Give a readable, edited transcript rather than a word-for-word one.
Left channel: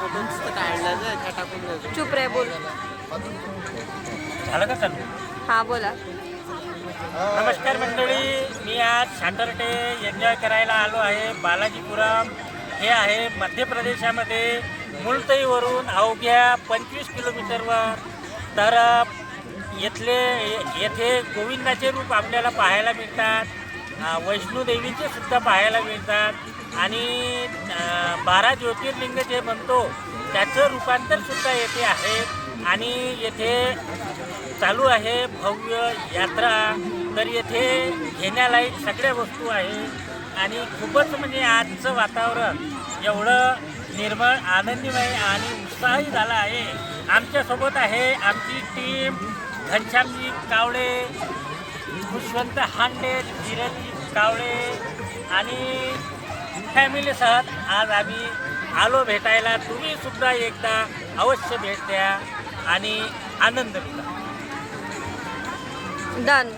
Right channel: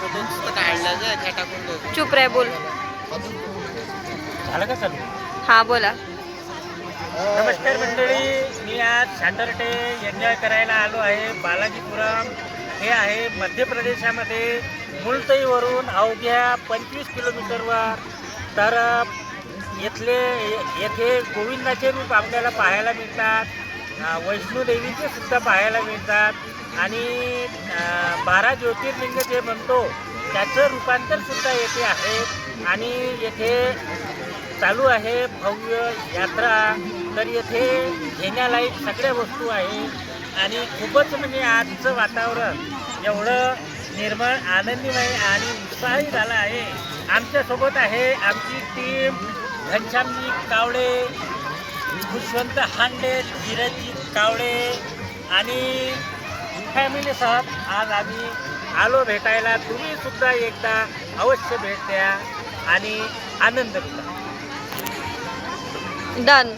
Photo नुसतं काढलं जे ते टाकून द्यायचं. चुप रे, बोल. झालं का चालू? हा, बोला. नमस्कार मंडळी, मी आज सॅटरडे एन्जॉय करायला आलो आहे. बालाजीपुरम हे आहे मध्य प्रदेशामध्ये, मुलतईवरून अवघ्या 25 किलोमीटरवर. तर येथे गोविंदाचे रूप आपल्याला पाहायला मिळतात, वैष्णोदेवीचे सुद्धा पाहायला मिळतात आणि 12 ज्योतिर्लिंग जे म्हणतो त्याचं रूपांतरसुद्धा येथे आहे. आणि येथे चालू आहे भव्य यात्रा. तर येथे घेण्यालायक सगळ्या वस्तू आहे आणि खूपच म्हणजे आजचं वातावरण एवढं निर्मळ, आनंदीमय आणि उत्साही झालं आहे. आमच्यासोबत आहे आमची टीम, घनश्यामजी कावळे, खुशवंत हांडे, धीरजजी कावळे आणि फॅमिलीसह आज आम्ही आलो भेटायला. तुम्ही सुद्धा एकदा अवश्य भेट द्या आणि आनंद लुटा. डन.